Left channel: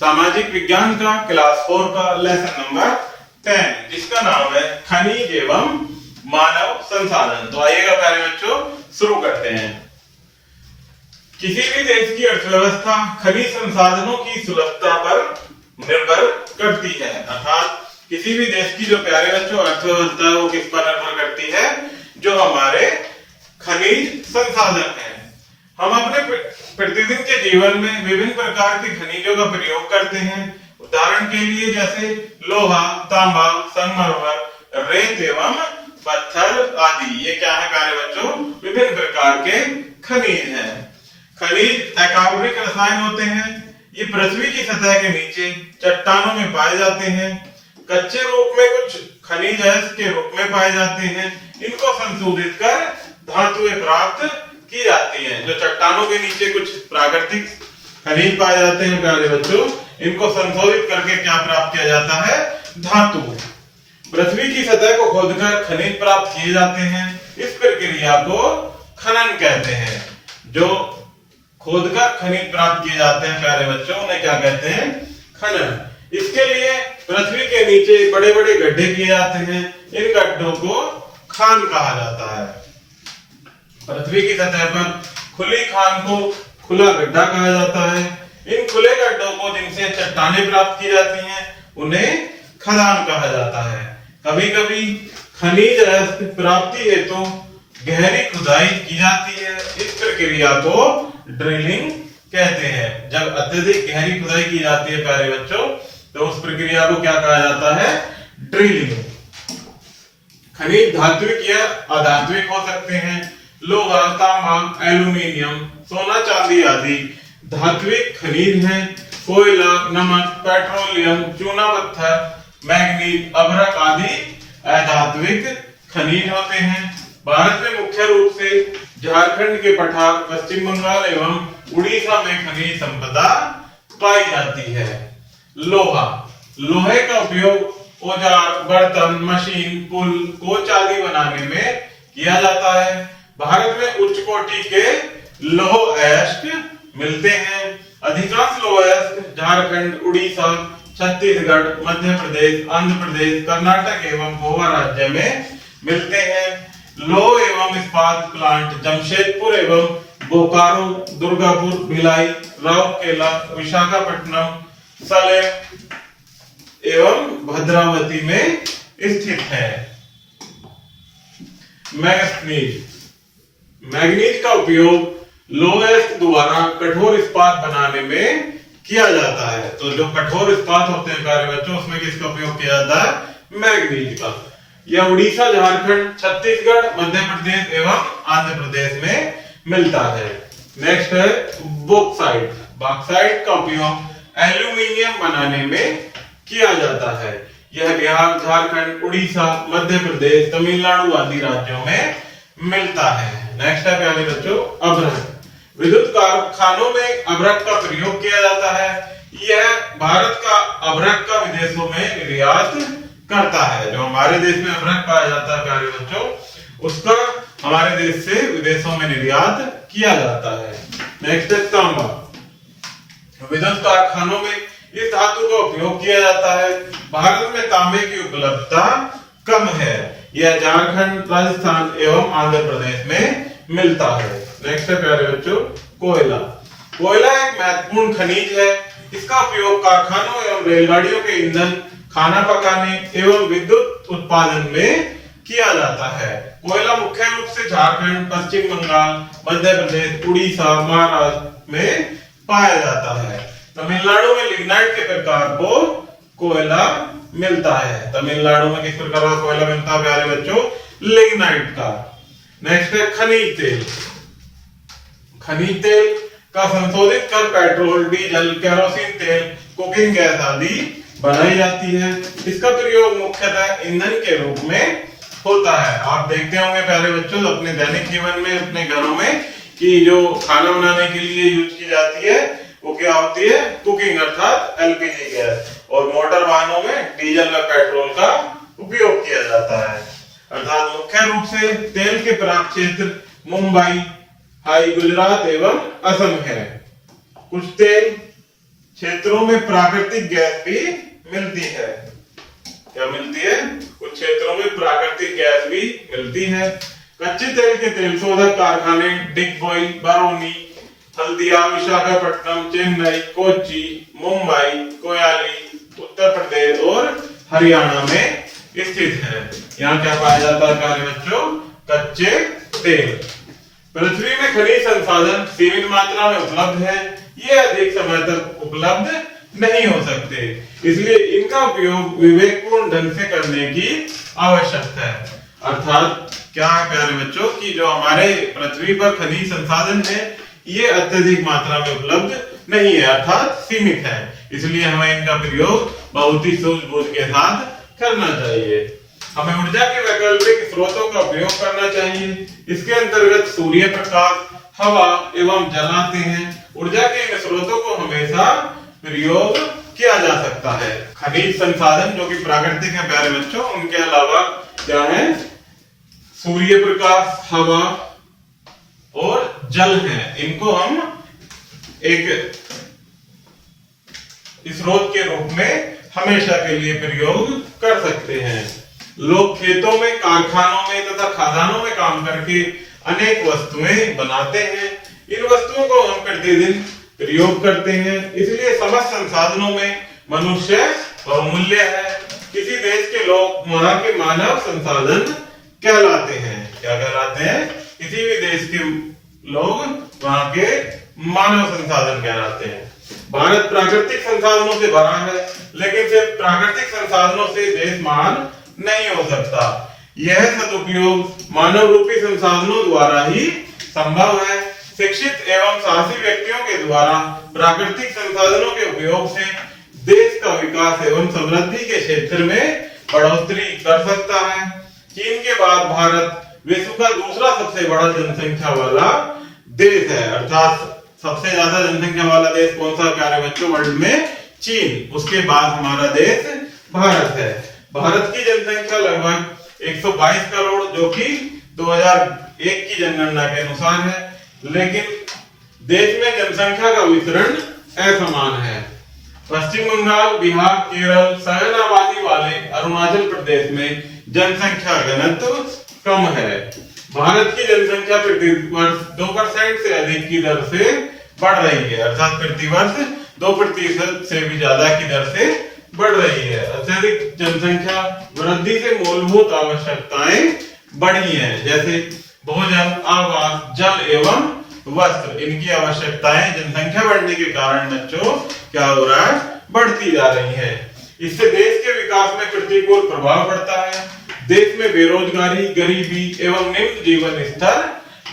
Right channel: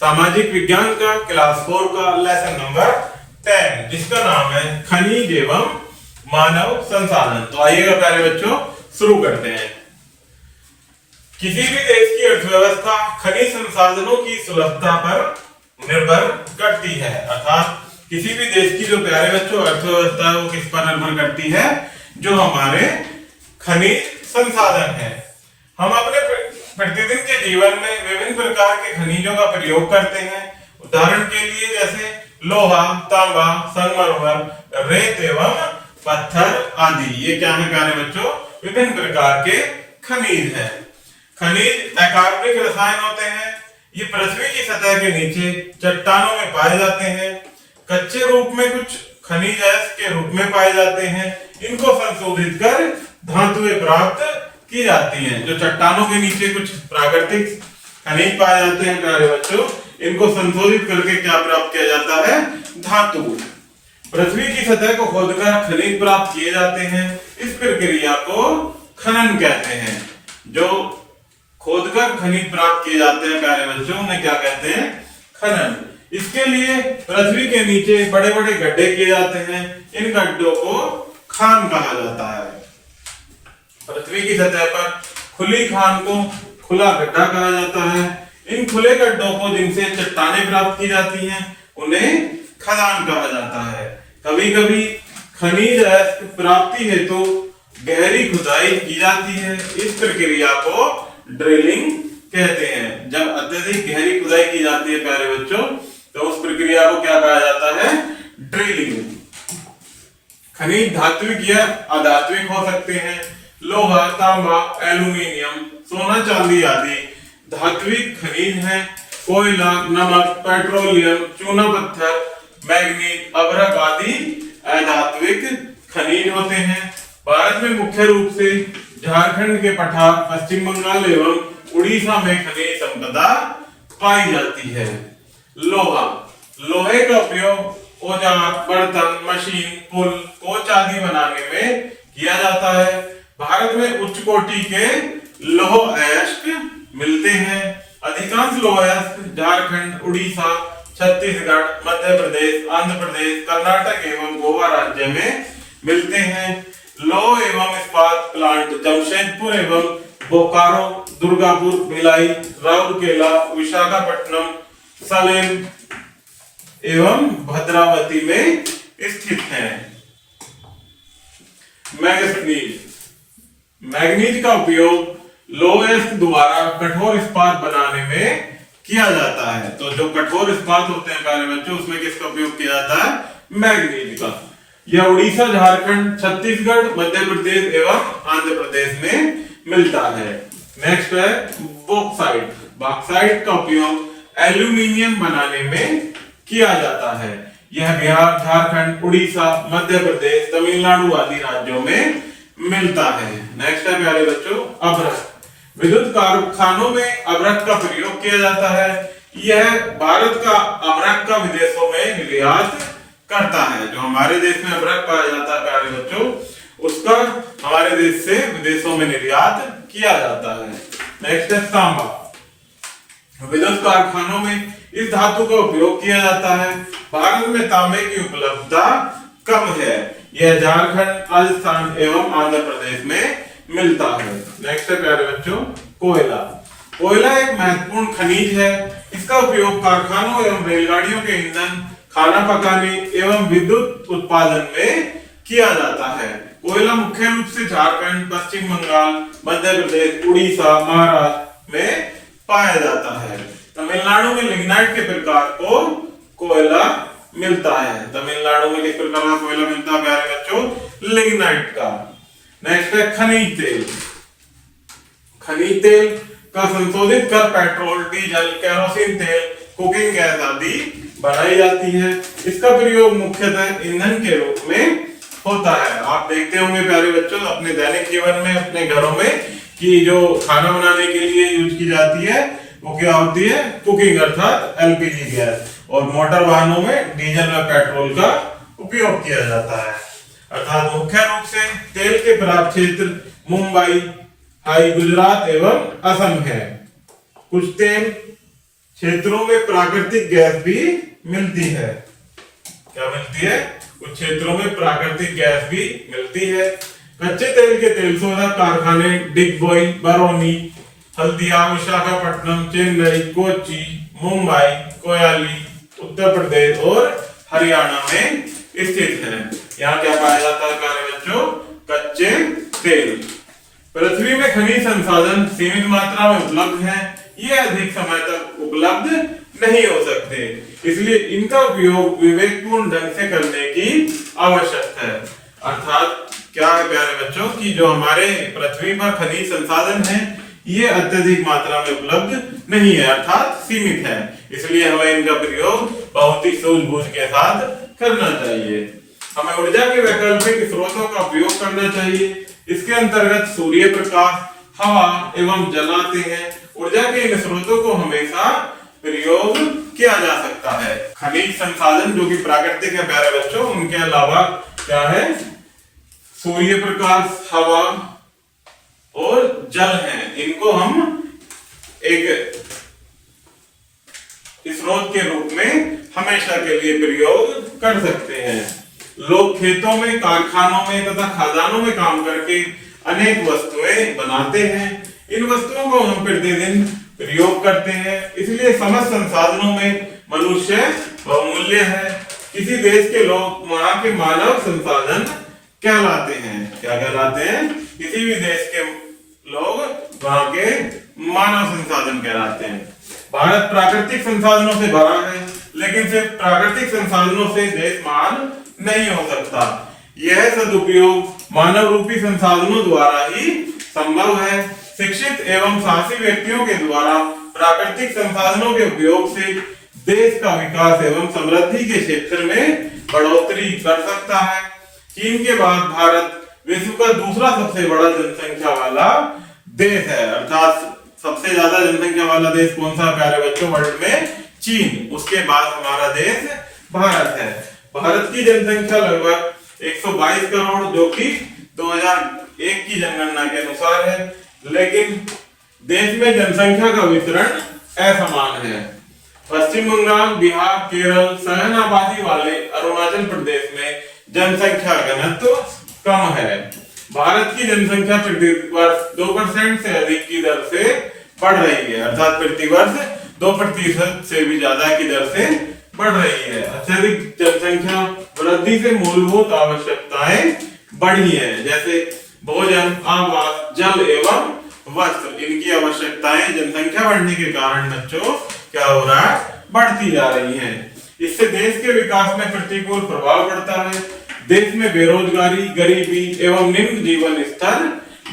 सामाजिक विज्ञान का क्लास 4 का लेसन नंबर 10, जिसका नाम है खनिज एवं मानव संसाधन। तो आइएगा प्यारे बच्चों, शुरू करते हैं। किसी भी देश की अर्थव्यवस्था खनिज संसाधनों की सुलभता पर निर्भर करती है। अर्थात किसी भी देश की जो प्यारे बच्चों अर्थव्यवस्था है वो किस पर निर्भर करती है? जो हमारे खनिज संसाधन है। हम अपने प्रतिदिन के जीवन में विभिन्न प्रकार के खनिजों का प्रयोग करते हैं। उदाहरण के लिए जैसे लोहा, तांबा, संगमरमर, रेत एवं पत्थर आदि। ये क्या है प्यारे बच्चों? विभिन्न प्रकार के खनिज हैं। खनिज अकार्बनिक रसायन होते हैं। ये पृथ्वी की सतह के नीचे चट्टानों में पाए जाते हैं। कच्चे रूप में कुछ खनिज अयस्क के रूप में पाए जाते हैं। इनको संशोधित कर धातुएं प्राप्त की जाती हैं। जो चट्टानों के नीचे कुछ प्राकृतिक खनिज पाए जाते हैं प्यारे बच्चों, इनको संशोधित करके क्या प्राप्त किया जाता है? धातु। पृथ्वी की सतह को खोदकर खनिज प्राप्त किए जाते हैं। इस प्रक्रिया को खनन कहते हैं। जो खोदकर खनिज प्राप्त किए जाते हैं प्यारे बच्चों, उन्हें क्या कहते हैं? खनन। इसके लिए पृथ्वी के नीचे बड़े बड़े गड्ढे किए जाते हैं। इन गड्ढों को खान कहा जाता है। पृथ्वी की सतह पर खुली खान को खुला गड्ढा कहा जाता है। इन खुले गड्ढों को जिनसे चट्टानें प्राप्त की जाती हैं उन्हें खदान कहा जाता है। कभी कभी खनिज अयस्क प्राप्ति हेतु गहरी खुदाई की जाती है। इस प्रक्रिया को ड्रिलिंग कहते हैं। जब अत्यधिक गहरी खुदाई की जाती है प्यारे बच्चों, तो उस प्रक्रिया को क्या कहा जाता है? ड्रिलिंग। खनिज धात्विक या अधात्विक हो सकते हैं। लोहा, तांबा, एल्यूमीनियम, सोना, चांदी आदि धात्विक खनिज हैं। कोयला, नमक, पेट्रोलियम, चूना पत्थर, मैग्नीज, अभ्रक आदि अधात्विक खनिज होते हैं। भारत में मुख्य रूप से झारखंड के पठार, पश्चिम बंगाल एवं उड़ीसा में खनिज संपदा पाई जाती है। लोहा, लोहे का उपयोग औजार, बर्तन, मशीन, पुल, कोच आदि बनाने में किया जाता है। भारत में उच्च कोटि के लौह अयस्क मिलते हैं। अधिकांश लौह अयस्क झारखंड, उड़ीसा, छत्तीसगढ़, मध्य प्रदेश, आंध्र प्रदेश, कर्नाटक एवं गोवा राज्य में मिलते हैं। लौह एवं इस्पात प्लांट जमशेदपुर एवं बोकारो, दुर्गापुर, भिलाई, राउरकेला, विशाखापट्टनम, सलेम एवं भद्रावती में स्थित है। मैग्नीज, मैग्नीज का उपयोग लौह अयस्क द्वारा कठोर इस्पात बनाने में किया जाता है। तो जो कठोर इस्पात होते हैं प्यारे बच्चों, उसमें किसका उपयोग किया जाता है? मैग्नीज का। यह उड़ीसा, झारखंड, छत्तीसगढ़, मध्य प्रदेश एवं आंध्र प्रदेश में मिलता है। नेक्स्ट है बॉक्साइट। बॉक्साइट का उपयोग एल्यूमीनियम बनाने में किया जाता है। यह बिहार, झारखंड, उड़ीसा, मध्य प्रदेश, तमिलनाडु आदि राज्यों में मिलता है। नेक्स्ट है प्यारे बच्चों अभ्रक। विद्युत कारखानों में अभ्रक का प्रयोग किया जाता है। यह भारत का अभ्रक का विदेशों में निर्यात करता है। जो हमारे देश में अभ्रक पाया जाता है प्यारे बच्चों, उसका हमारे देश से विदेशों में निर्यात किया जाता है। नेक्स्ट है तांबा। विद्युत कारखानों में इस धातु का उपयोग किया जाता है। भारत में तांबे की उपलब्धता कम है। यह झारखंड, राजस्थान एवं आंध्र प्रदेश में मिलता है। नेक्स्ट है प्यारे बच्चों कोयला। कोयला एक महत्वपूर्ण खनिज है। इसका उपयोग कारखानों एवं रेलगाड़ियों के ईंधन, खाना पकाने एवं विद्युत उत्पादन में किया जाता है। कोयला मुख्य रूप से झारखंड, पश्चिम बंगाल, मध्य प्रदेश, उड़ीसा, महाराष्ट्र में पाया जाता है। तमिलनाडु में लिग्नाइट के प्रकार को कोयला मिलता है। तमिलनाडु में किस प्रकार का कोयला मिलता है प्यारे बच्चों? लिग्नाइट का। नेक्स्ट है खनिज तेल। खनिज तेल का संशोधित कर पेट्रोल, डीजल, केरोसिन तेल, कुकिंग गैस आदि बनाई जाती है। इसका प्रयोग मुख्यतः ईंधन के रूप में होता है। आप देखते होंगे प्यारे बच्चों अपने दैनिक जीवन में, अपने घरों में, कि जो खाना बनाने के लिए यूज की जाती है वो क्या होती है? कुकिंग अर्थात एलपीजी गैस। और मोटर वाहनों में डीजल व पेट्रोल का उपयोग किया जाता है। अर्थात मुख्य रूप से तेल के प्राप्त क्षेत्र मुंबई, गुजरात एवं असम है। कुछ तेल क्षेत्रों में प्राकृतिक गैस भी मिलती है। क्या मिलती है? कुछ क्षेत्रों में प्राकृतिक गैस भी मिलती है। कच्चे तेल के तेल शोधक कारखाने डिगबोई, बरौनी, हल्दिया, विशाखापट्टनम, चेन्नई, कोच्चि, मुंबई, कोयाली, उत्तर प्रदेश और हरियाणा में स्थित है। यहाँ क्या पाया जाता है प्यारे बच्चों? कच्चे तेल। पृथ्वी में खनिज संसाधन सीमित मात्रा में उपलब्ध है, ये अधिक समय तक उपलब्ध नहीं हो सकते, इसलिए इनका उपयोग विवेकपूर्ण ढंग से करने की आवश्यकता है। अर्थात क्या है प्यारे बच्चों कि जो हमारे पृथ्वी पर खनिज संसाधन है ये अत्यधिक मात्रा में उपलब्ध नहीं है, अर्थात सीमित है, इसलिए हमें इनका प्रयोग बहुत ही सूझबूझ के साथ करना चाहिए। हमें ऊर्जा के वैकल्पिक स्रोतों का उपयोग करना चाहिए। इसके अंतर्गत सूर्य प्रकाश, हवा एवं जल आते हैं। ऊर्जा के इन स्रोतों को हमेशा प्रयोग किया जा सकता है। खनिज संसाधन जो कि प्राकृतिक है प्यारे बच्चों, उनके अलावा क्या है? सूर्य प्रकाश, हवा और जल हैं। इनको हम एक स्रोत के रूप में हमेशा के लिए प्रयोग कर सकते हैं। लोग खेतों में, कारखानों में तथा खदानों में काम करके अनेक वस्तुएं बनाते हैं। इन वस्तुओं को हम प्रतिदिन प्रयोग करते हैं, इसलिए समस्त संसाधनों में मनुष्य बहुमूल्य है। किसी देश के लोग वहां के मानव संसाधन कहलाते हैं। क्या कहलाते हैं? किसी भी देश के लोग वहां के मानव संसाधन कहलाते हैं। भारत प्राकृतिक संसाधनों से भरा है, लेकिन सिर्फ प्राकृतिक संसाधनों से देश महान नहीं हो सकता। यह सदुपयोग मानव रूपी संसाधनों द्वारा ही संभव है। शिक्षित एवं साहसी व्यक्तियों के द्वारा प्राकृतिक संसाधनों के उपयोग से देश का विकास एवं समृद्धि के क्षेत्र में बढ़ोतरी कर सकता है। चीन के बाद भारत विश्व का दूसरा सबसे बड़ा जनसंख्या वाला देश है, अर्थात सबसे ज्यादा जनसंख्या वाला देश कौन सा प्यारे बच्चों वर्ल्ड में? चीन। उसके बाद हमारा देश भारत है। भारत की जनसंख्या लगभग 122 करोड़ जो कि 2001 की जनगणना के अनुसार है, लेकिन देश में जनसंख्या का वितरण असमान है। पश्चिम बंगाल, बिहार, केरल, सघन आबादी वाले अरुणाचल प्रदेश में जनसंख्या घनत्व कम है। भारत की जनसंख्या प्रति वर्ष 2% से अधिक की दर से बढ़ रही है, अर्थात प्रति वर्ष 2% से भी ज्यादा की दर से बढ़ रही है। अत्यधिक जनसंख्या वृद्धि से मूलभूत आवश्यकताएं बढ़ी हैं, जैसे भोजन, आवास, जल एवं वस्त्र। इनकी आवश्यकताएं जनसंख्या बढ़ने के कारण बच्चों क्या हो रहा है? बढ़ती जा रही है। इससे देश के विकास में प्रतिकूल प्रभाव पड़ता है। देश में बेरोजगारी, गरीबी एवं निम्न जीवन स्तर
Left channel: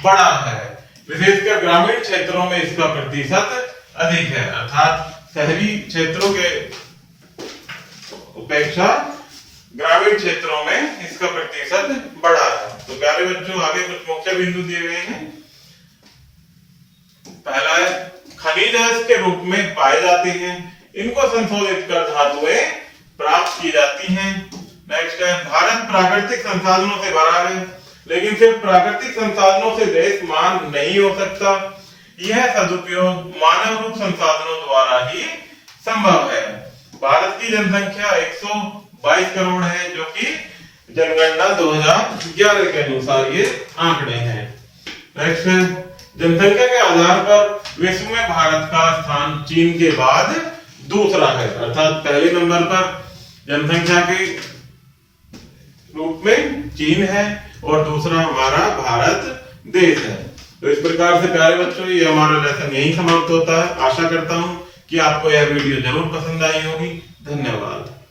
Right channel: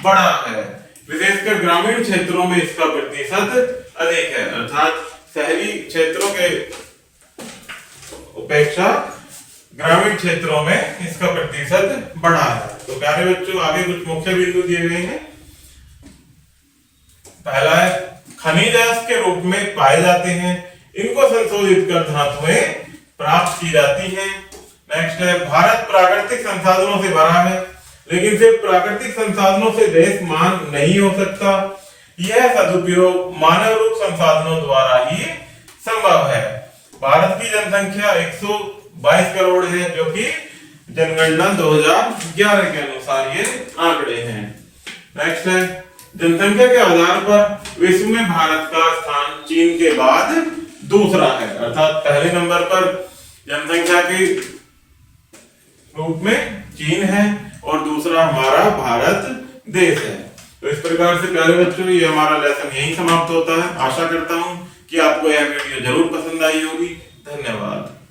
बढ़ा है। विशेषकर ग्रामीण क्षेत्रों में इसका प्रतिशत अधिक है, अर्थात शहरी क्षेत्रों के उपेक्षा ग्रामीण क्षेत्रों में इसका प्रतिशत बढ़ा है। तो प्यारे बच्चों आगे कुछ मुख्य बिंदु दिए गए हैं। पहला है खनिज के रूप में पाए जाते हैं, इनको संशोधित कर धातुएं प्राप्त की जाती हैं। नेक्स्ट है भारत प्राकृतिक संसाधनों से भरा है, लेकिन सिर्फ प्राकृतिक संसाधनों से देश महान नहीं हो सकता। यह सदुपयोग मानव रूप संसाधनों द्वारा ही संभव है। भारत की जनसंख्या 122 करोड़ है, जो कि जनगणना 2011 के अनुसार ये आंकड़े हैं। नेक्स्ट है जनसंख्या के आधार पर विश्व में भारत का स्थान चीन के बाद दूसरा है, अर्थात पहले नंबर पर जनसंख्या के रूप में चीन है और दूसरा हमारा भारत देश है। तो इस प्रकार से प्यारे बच्चों ये हमारा लेसन यहीं समाप्त होता है। आशा करता हूं कि आपको यह वीडियो जरूर पसंद आई होगी। धन्यवाद।